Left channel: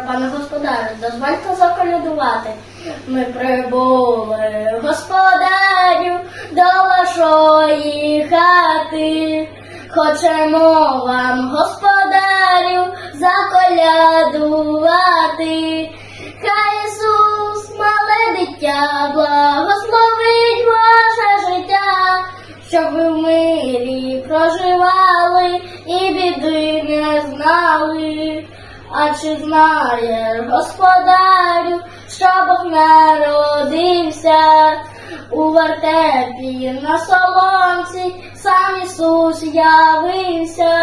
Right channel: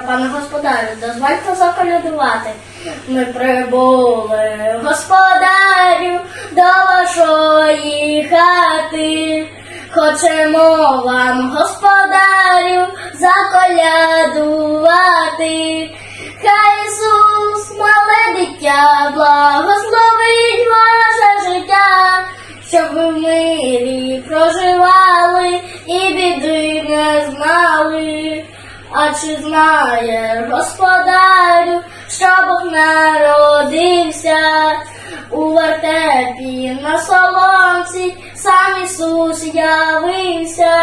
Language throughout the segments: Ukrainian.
Пане господарю, дозвольте заколядувати. Ми прибули, господарю, до вашої хати. Хочемо вам, господарю, заколядувати. Хай Ісус, мале дитя, благословить ваше життя, щоб ви в мирі проживали і. А чи знаєш, господарю, що Бог народився у вертепі на солонці, сам Ісус явився.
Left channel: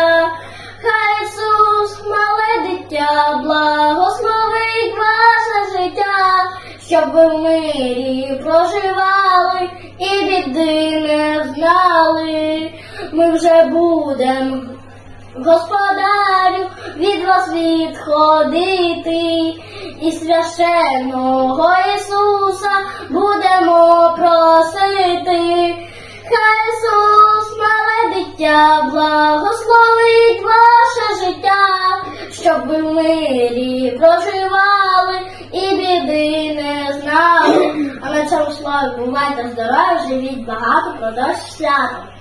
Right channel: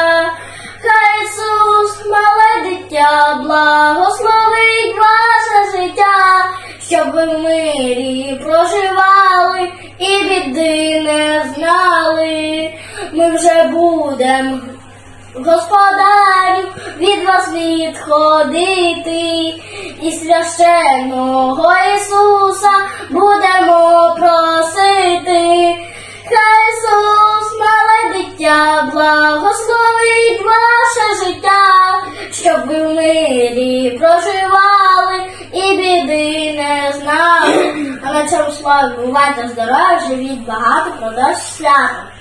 Хай Ісус, мале дитя, благословить ваше життя, щоб ви в мирі проживали і біди не знали. Ми вже будемо Господарю, від вас відходити, і священного Ісуса будемо просити. Хай Ісус, мале дитя, благословить ваше життя, щоб ви в мирі проживали і біди не знали. А на цьому славі бувайте здорові, живіть багато, продовж свято.